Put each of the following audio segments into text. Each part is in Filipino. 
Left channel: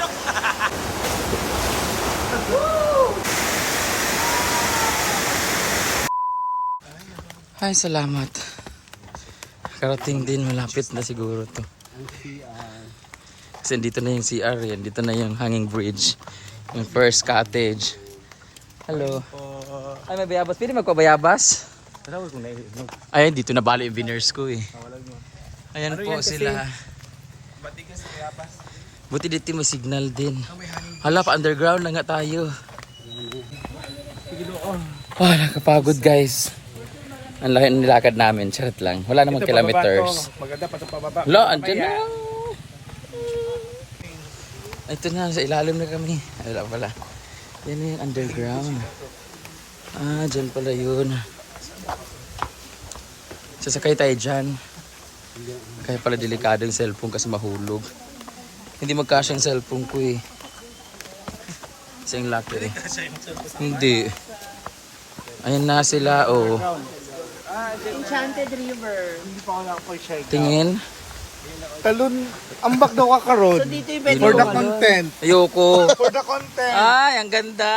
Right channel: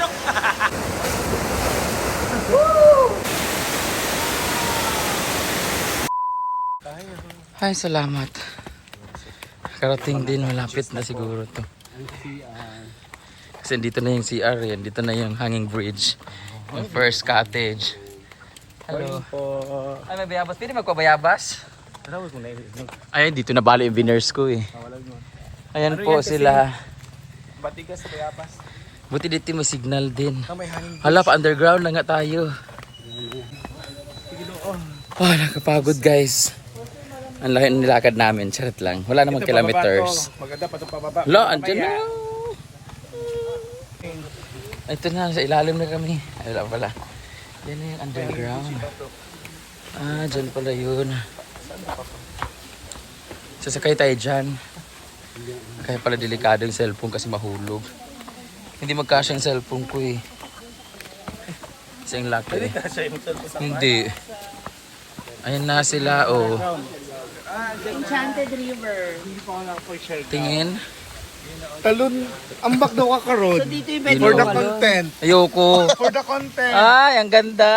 manok. Ay, salamat. Karating din, malapit na siguro to. Kasi dito na yung CR yan, dito na yung hanging bridge. Yung first cottage. Hello. Ano, bayabas? Pwede magpabayabas? Ay, dito na bali yung winners ko eh. Ayan po sila. Batigas bayabas. Buti dito may signal din. Hala, pa underground na nga tayo. Ah, nakapagod guys. Ang laki ng nilakad namin, charot lang. Wala namang kilometers. Maganda pa ito pababa. Hala, andyan na. Ito na, sa ilalim na kami. Wala pala. Yan yung underground. Ah, dyan pala yun. Sasakay tayo dyan. Kaya pala delikado yung cellphone kasi mahulog. Hindi magkasya yung cellphone ko eh. Kasi yung laki eh. Hindi. Ayun na sila, oh. Enchanted River. Hindi pa ako nakapag-share. Tingin. Talon, ambak daw ka karon. So dito yung pwede For the mo content. Ayoko. For the content. Ay, ang ganda.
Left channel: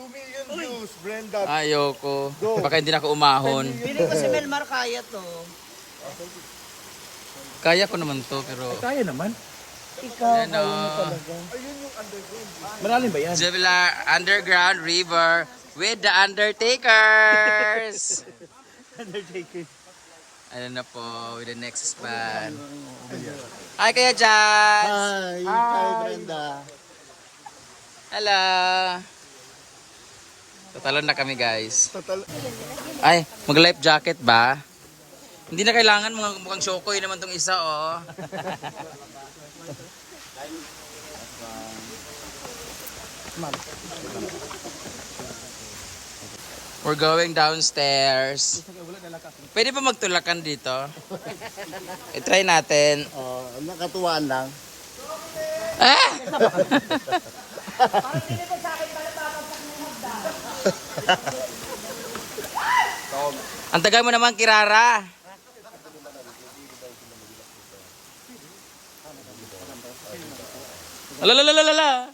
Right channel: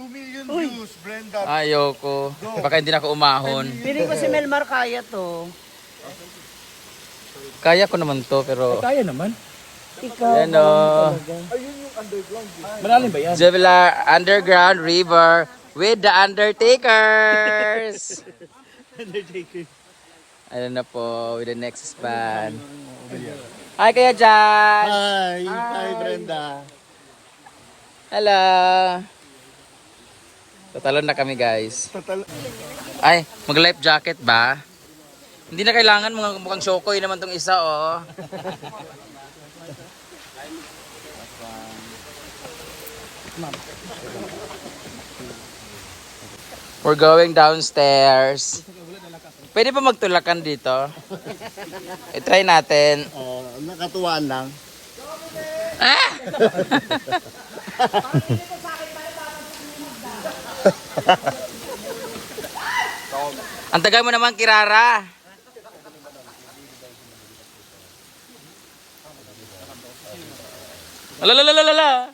2 million views, Brenda. Ayoko. Baka hindi na ako umahon. Pili ko si Melmar kaya to. Kaya ko naman to, pero... Kaya naman. Ayan o. Ayun yung underground. Malalim ba yan? Jevelar Underground River with the Undertakers. Ayan na po, with the next band. Hi, Kuya Jan. Hi. Hi, Brenda. Hello. Tatalon na kami, guys. Total. Ay, mag-life jacket ba? Hindi na kailangan, mukhang shokoy naman tong isa, oh. We're going downstairs. Pwede ba magtulakan dito? I-try natin. Oh, nakatuwaan lang. Ah! Ang tagal mo naman, Kirara. Alalalalala.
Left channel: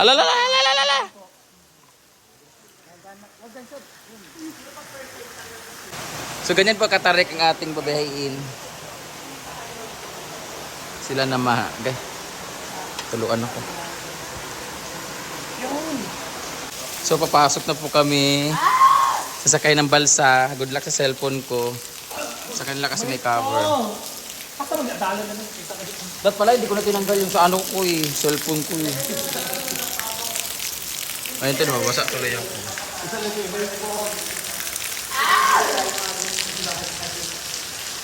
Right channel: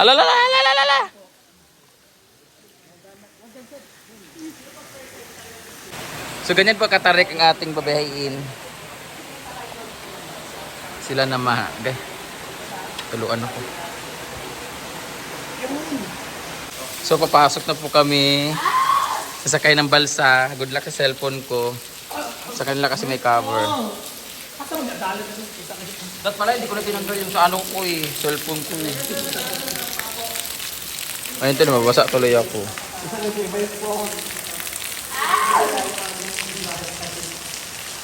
Alalalalala. So ganyan po katarik ang ating babayain. Sila na mahagay. Tuluan ako. So papasok na po kami. Sasakay ng balsa. Good luck sa cellphone ko. Sa kanila kasi may cover. Ba't pala hindi ko na tinanggal yung sa ano ko eh. Cellphone ko eh. Ayun ito, mabasa tuloy ako.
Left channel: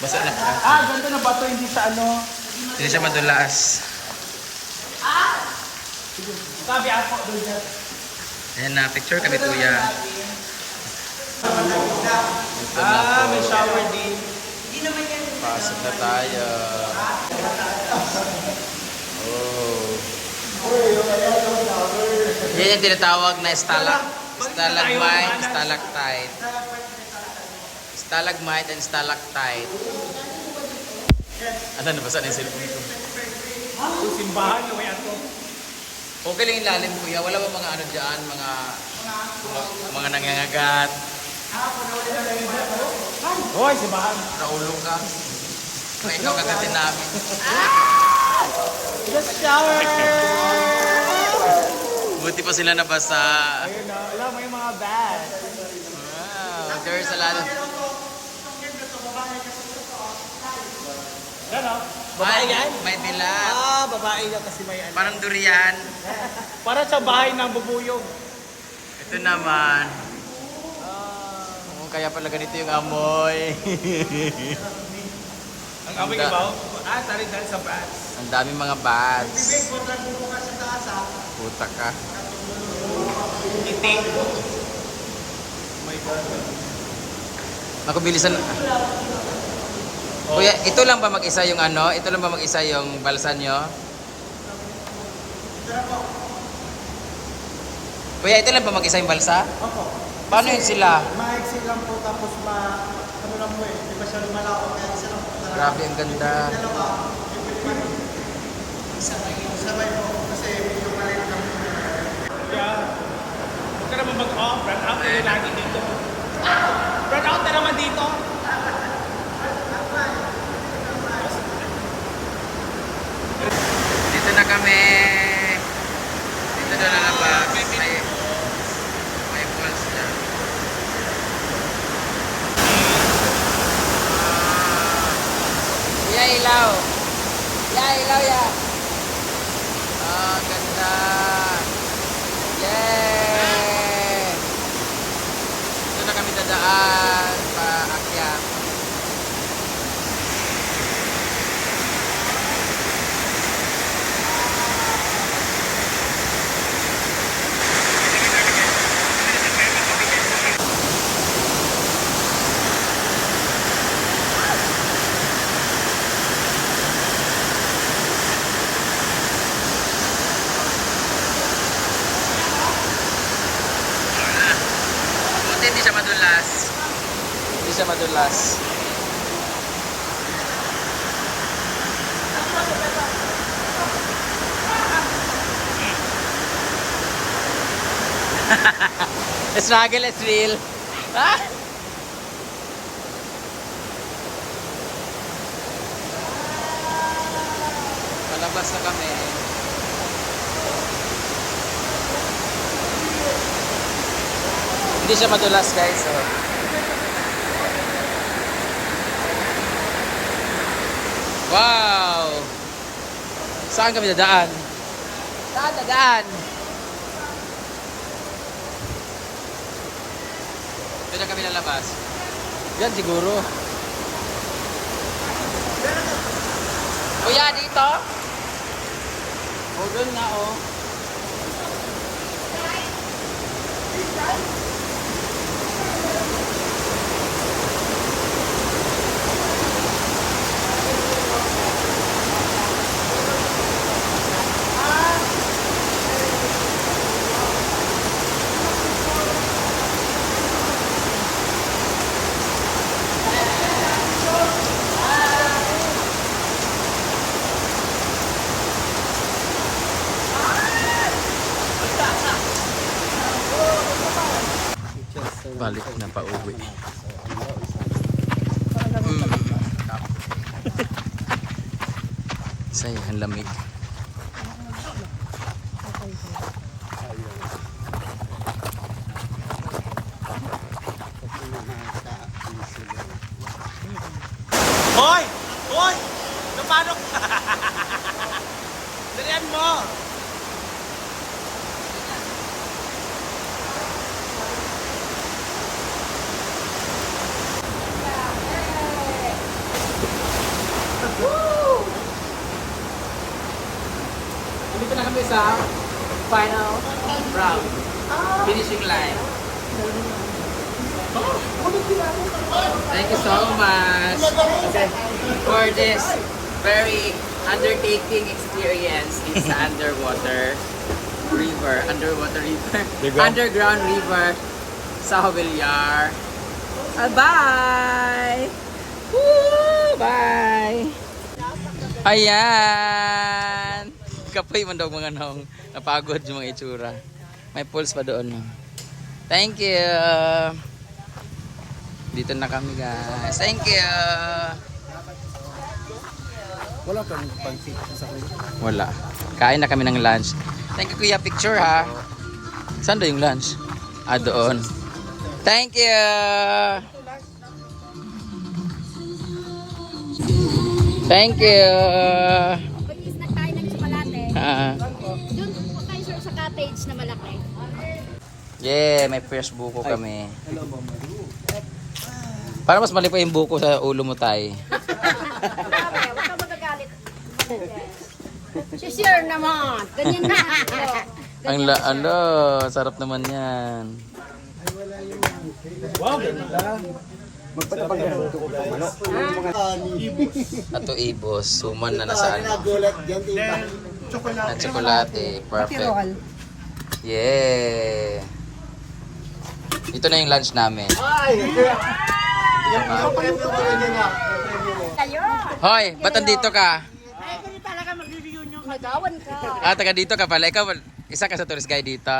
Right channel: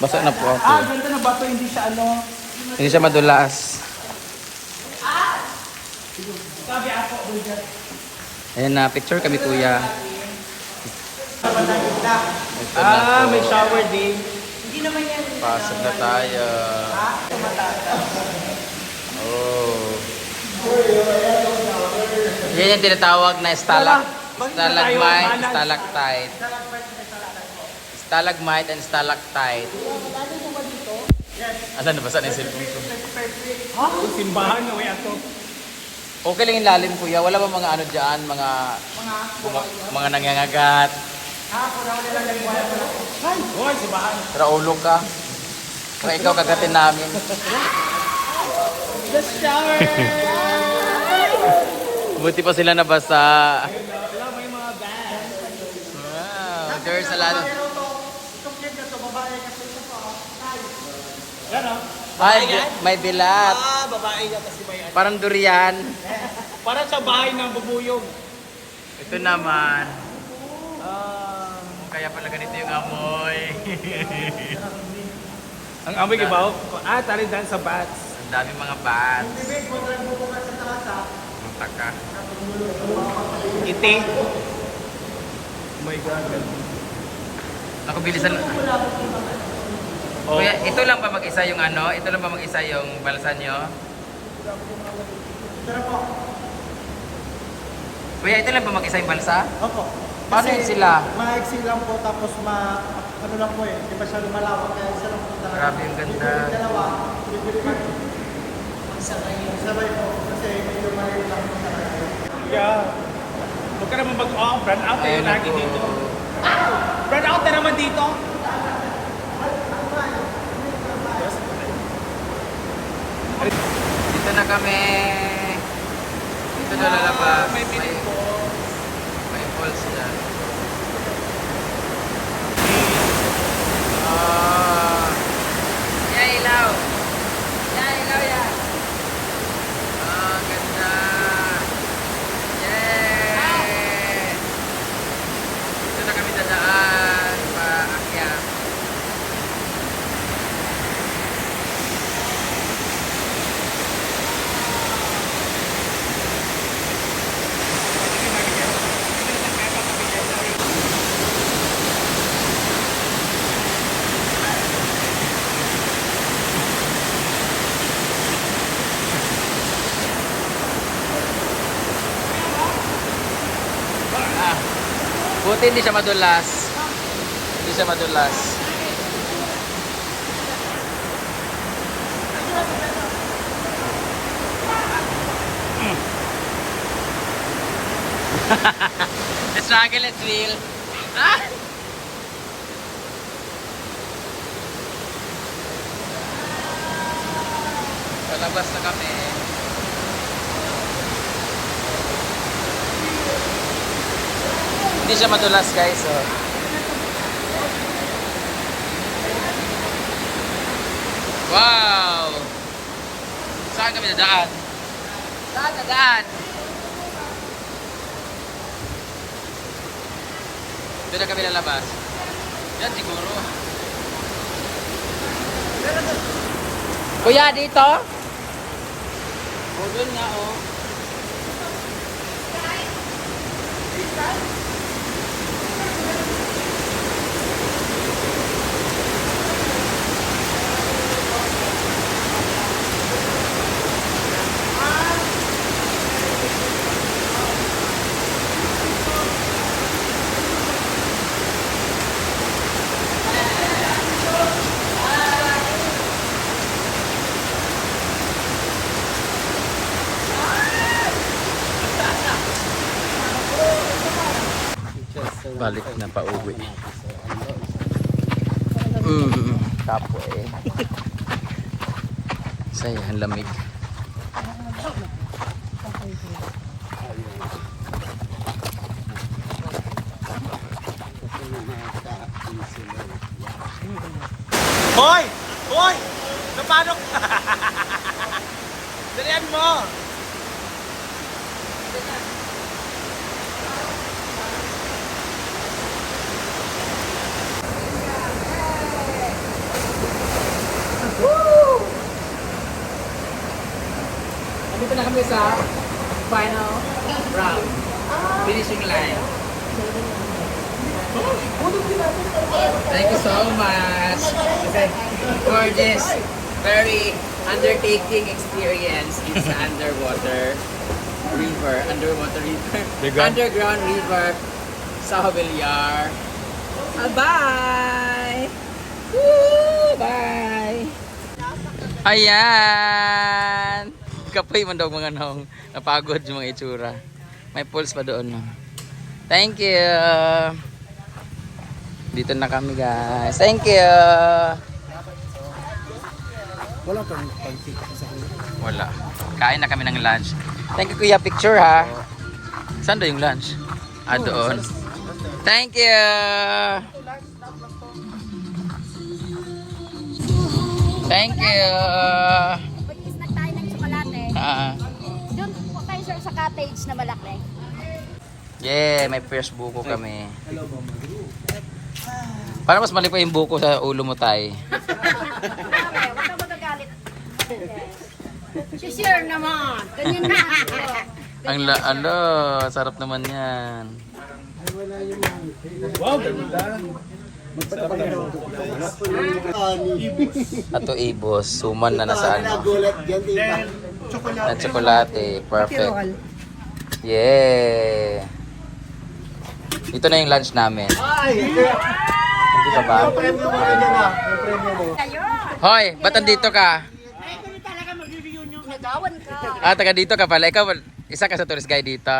Basa na po ako. Ah, ganda na ba ito? Hindi siya ano. Hindi siya madulas. Sabi ako doon dyan. Ayan na, picture kami kuya. Ito na po. May shower din. Hindi naman yan. Pasok na tayo. Oh. Yan yung tinatawag na stalagmite, stalactite. Stalagmite and stalactite. Asan na ba? Saan yung cellphone ko? Simbahan mo yan ito. Okay lang yung lalim kuya. Wala ba mga ano dyan? Mga nangangagat. Hoy, simbahan. Raulog ka. Kung ikaw kagatin namin. The shower. Buti pa sila nabasa. Alam mo yung mga bag. Wow, there's a lot of... Yan o. Ay, may bilat. Ah, babae yan kasi may yan. Parang durian. Parang sa bahay ng bubuyog. Ito naman. Kaya pala ganito yung amoy. Ang amoy ka ba? Ah, tali dyan sa bats. Ang daming mga bats. Puta ka. Iting. Ako bilisan. Kuya, ito lang ba mag-isa yung ano? Ito lang ba mag-isa yung balsa nyo? Kuya, ito lang ba mag-isa yung balsa? Paano yun sila? Mga exit lang po tapos ano lang po eh. Hindi ba sila malapot kaya sa Grabe ang ganda. Huwag ka naman mag-off. Run out. Ayan na po. Run out na naman dito. Dito na kami. Dito na lalabas. May falls dyan. Ah. Yeah, ilaw. Yeah, ilaw yan. Ah, ganda. Yay! Dito na kami dadaan. Paakyat. Buti hindi siya madulas. Hindi siya madulas. Struggle is real. Ah! Palabas na kami. Hindi siya madulas guys. So. Wow! Saan kami dadaan? Saan dadaan? Doon na kami lalabas. Yan siguro. Kuya, dito? O, doon nga o. Balik na pa uwi. Tapo eh. Saya ang lamig. Hoy! Hoy! Napano ka? Dalian mo! Dito na kami sa final round. Finishing line. Thank you so much for this very undertaking experience with the underwater river. Underground river sa Haweliar. Bye! Woo! Bye! Ayan! Kapoy man daw mga nong napagod yung mga itsura. May pulse pa doon. Thank you! Dito na kami guys. Thank you! Wala kang pag-fit sa kuya. Wala. Kain na kami ng lunch. Thank you kuya. Picture ha. Saan daw yung lunch? Ah, doon. Thank you! Thank you! Pag-snack tayo ng tsokolate. Ah. Doon po tayo sa cottage na malaki. Yeah, may fresh buko kami. Para mas mali pa yung buko sa ulo mo tay. Grabe, huwag kang magagalit. Si-share naman. Ganyan na. Ang sarap naman yan. Wow, ganda. Ato ibos, suman na nasa ano. Then, chocolate. Na tsokolate, perfect. Yeah. Ito na yung lunch namin. Dito ba? Kayo. Hoy, ba't nandito ka? Ay, kami talaga mag-reunion ka. Ah, taga dito ka pala. Ikaw, isa ka sa tourist guide dito?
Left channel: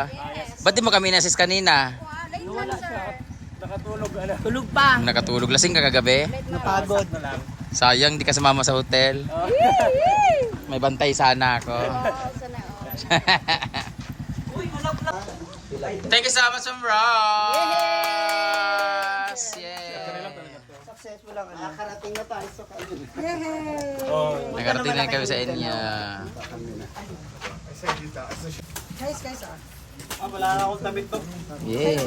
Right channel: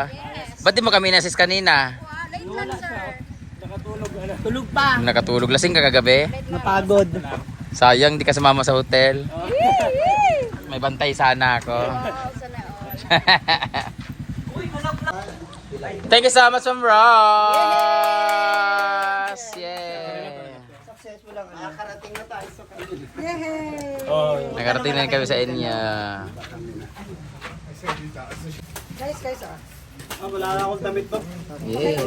Ba't di mo kami nasis kanina? Tulog pa. Nakatulog. Lasing ka kagabi? Napagod. Sayang, di ka sumama sa hotel. May bantay sana ako. Thank you so much from Ross! Yay! Successful lang. Nakarating na tayo sa Nakarating na kami sa inyo. Wala na akong damit to. Yeah.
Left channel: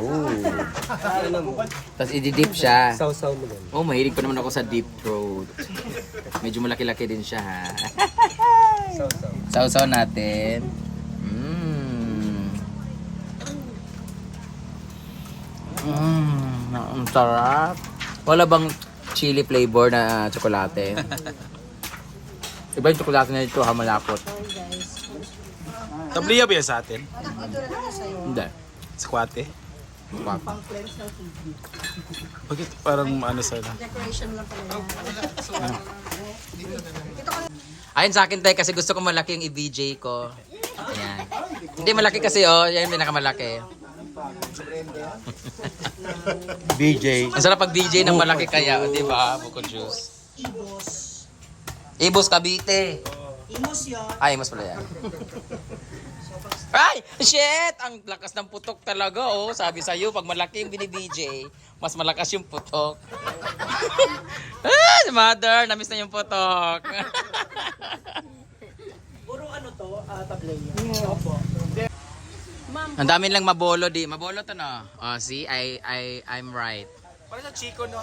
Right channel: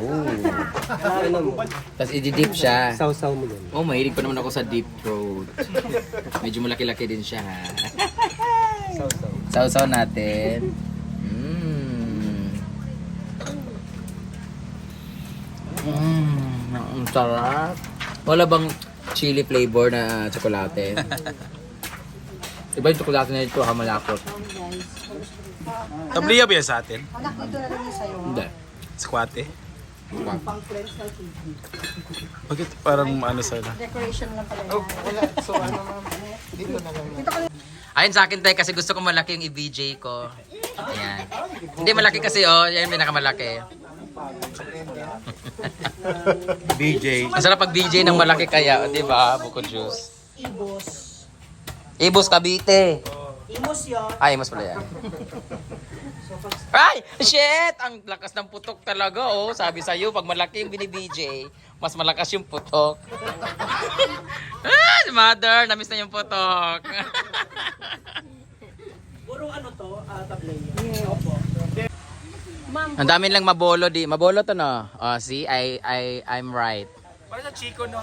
Oh. Tapos i-dip siya. Sausaw mo din. Oh, mahilig pa naman ako sa deep throat. Medyo malaki-laki din siya ha. Sausaw natin. Ang sarap. Wala bang chili flavor na tsokolate? Iba yung tsokolate na ito, malakot. Tabliya ba yan sa atin? Hindi. Squate? Bakit parang ano sana? Ayun sa akin tayo kasi gusto ko malaki yung i-VJ ko. Ayan. Hindi malaki kasi oh, yan yung pinakamalaki. BJ. Ang sarap pag VJ ng malaki kaya, di ba? Buko juice. Ibos Cavite. Ay, mas pala yan. Ay! Shit! Ang lakas ng putok talaga, oh. Sabi sa'yo, pag malaki yung bini-VJ, mas malakas yung putok. Ah, mother, namiss na yung putok. Puro ano to, tablay. Ang dami lang mabolo di. Mabolo to no. Oh, see, I'm right. Parang sa Chico, no?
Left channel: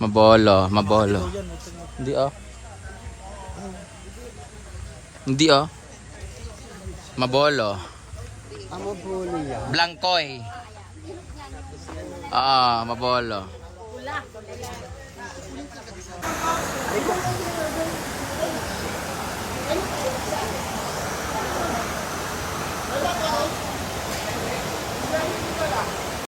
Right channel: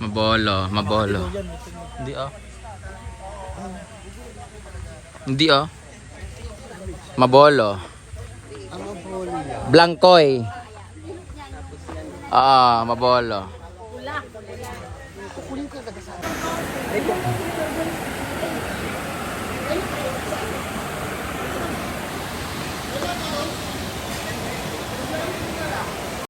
Mabolo. Hindi oh. Hindi oh. Mabolo. Blancoy. Mabolo.